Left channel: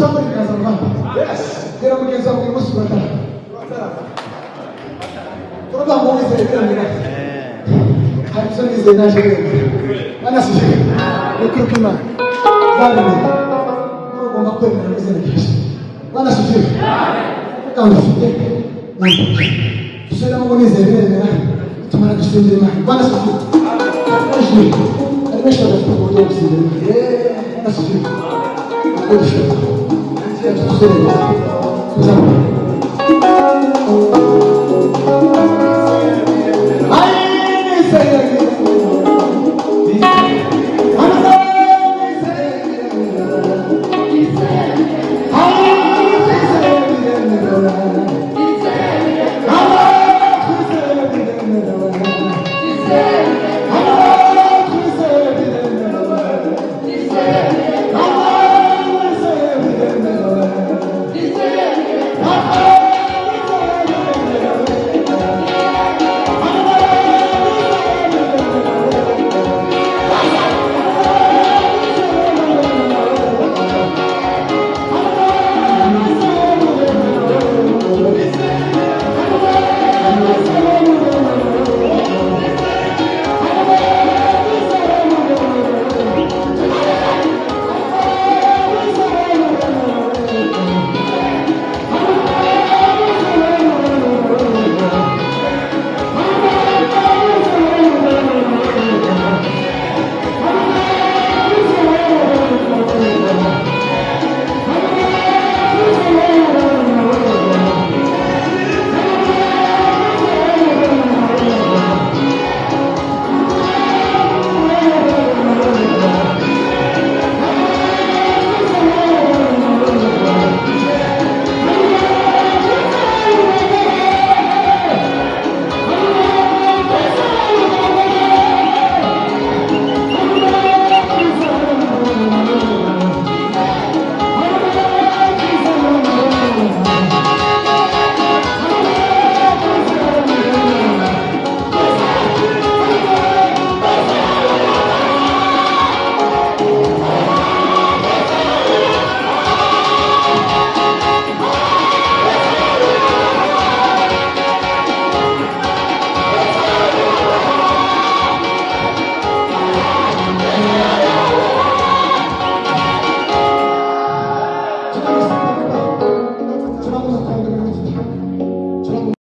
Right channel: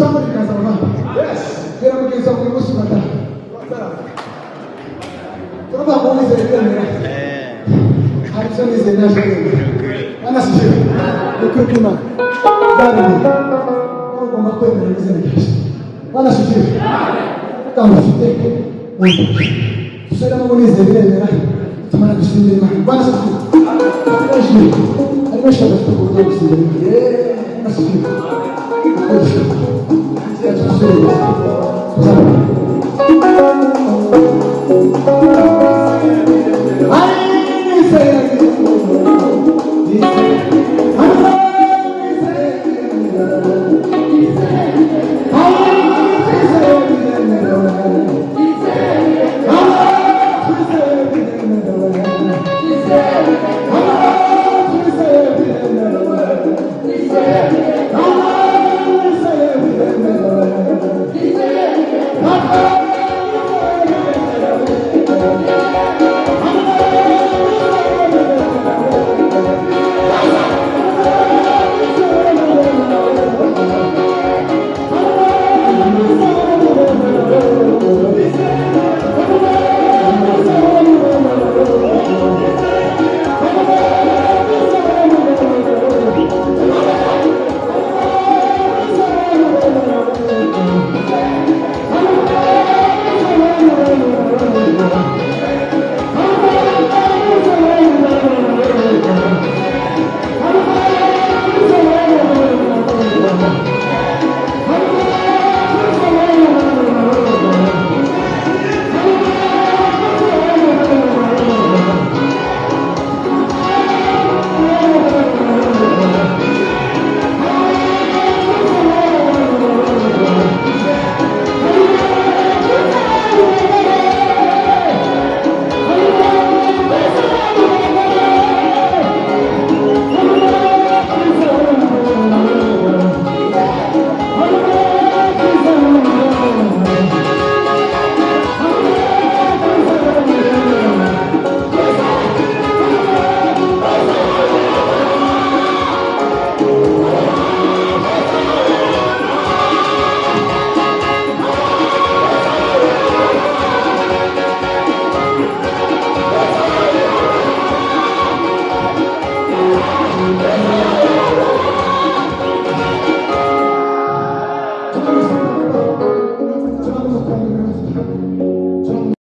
Somebody has a man. Yes. There are many people who must be from a moment, I'm sorry, the national. One is the Kurkuma. One is the Come to so that one is a very to manage the one is the I wish I was to go to the